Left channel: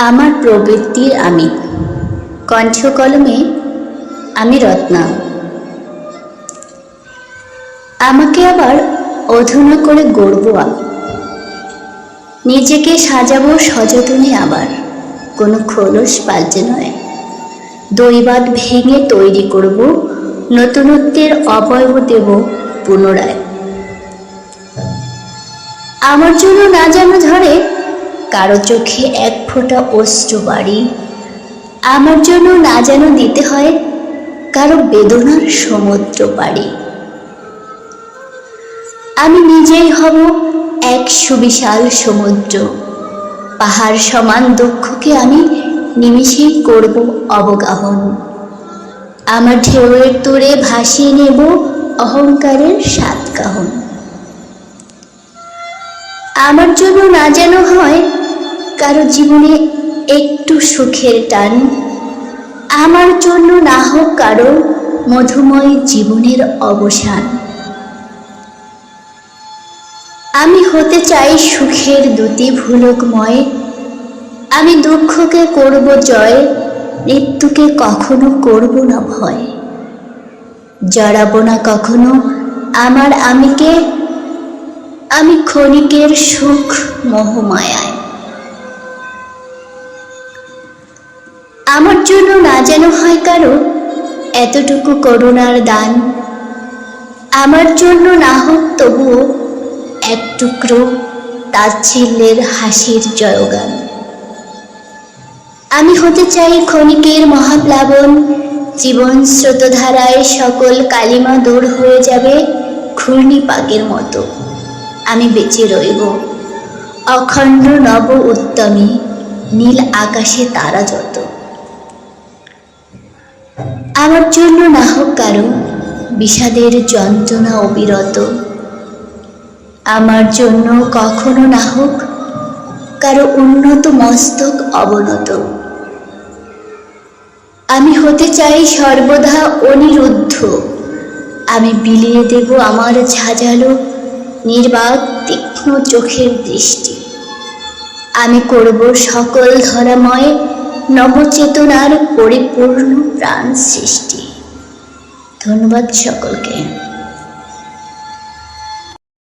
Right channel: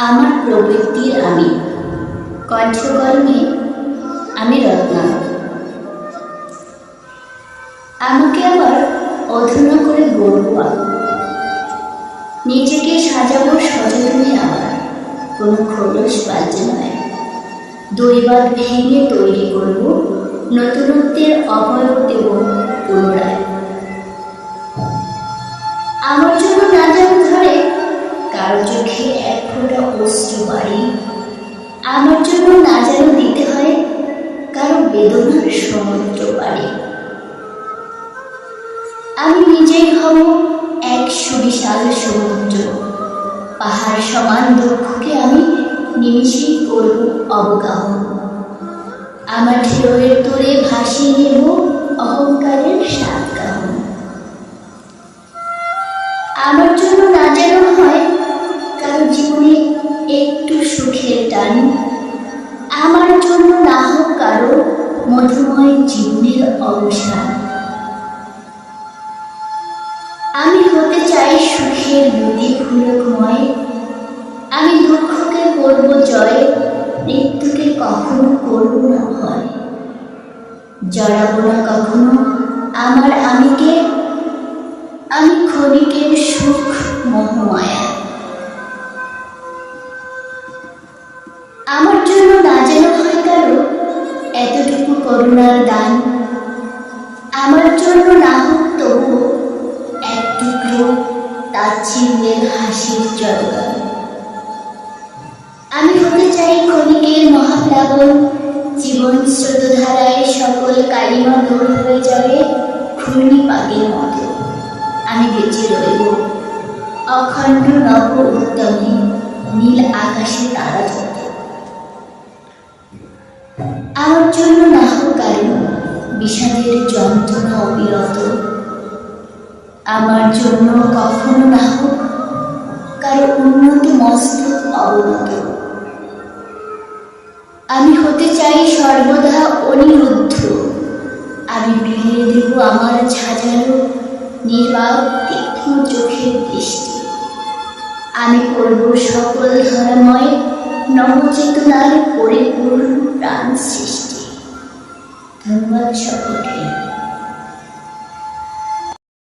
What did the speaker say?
আমার প্রবৃত্তির আমি। কণ্ঠ কলমে আমি রত্না। আমাকে আবার অধুনা করে গড়ব নিজেকে সাজাবো সযতনে আবার। কোনো খোলস পাল্টে নয়। দৈবাদ ভেঙে তৈরি করব, নতুনত্বের অবয়ব দেব পুনরায়। আমার জন্য না যেন ধরে কারও চোখে এক ফোঁটা অশ্রু বাড়ি। আমার জন্য না যেন দিতে হয় কারও বেদনার সমুদ্র পাড়ি। আমি নিজেই হব এক সুবিশাল সমুদ্র। পাহাড় সমান দুঃখকে আমি নিমিষেই করব অবগাহন। আমার ঢেউয়ের তোরে ভাসিয়ে নেব অহংকারের সাত কাহন আমার জন্য না যেন হয় কারও জীবনে একটু সুখের টান। আমার জন্য না হোক কারও মধুময় জীবনের অবসান। আমি হতে চাই সুখের দুটি ভুলকময়। আমি দুঃখকে করব জয়, মৃত্যুকে কখনো করব না ভয়। জড়াবো না কখনো আমার আমিকে। আমি ক্ষণিকের সুখ মোহমায়ায়। আমার জন্য না যেন হয় কারও এতটুকু করুণার দান। আমার জন্য না হোক তবুও এক টুকরো তাচ্ছিল্যের হাসির জয়গান। আমি হতে চাই ক্ষণিকের মহাপ্লাবন, জীবন স্রোতধারায় সকল কালিমা দূর হয়ে যাবে ঘূর্ণিপাকের মতো। আমি বেঁচে রইব, অখণ্ড নব উত্তমী নীল আকাশে তারা যত। আমার জন্য না হোক কারও বিষাদের যন্ত্রণা অবিরত। আমার জন্য কখনো না হোক কারও উন্নত মস্তক অবনত। আমি হতে চাই সর্বদা অনিরুদ্ধ। আমি বিলিয়ে দেব আমার ঝাঁঝালো, নির্বাক, তীক্ষ্ণ চোখের দৃষ্টি। আমি করব সকল ধরাময় নবচেতনার পরিপূর্ণ প্রাণ সৃষ্টি। ধন্যবাদ সকলকে।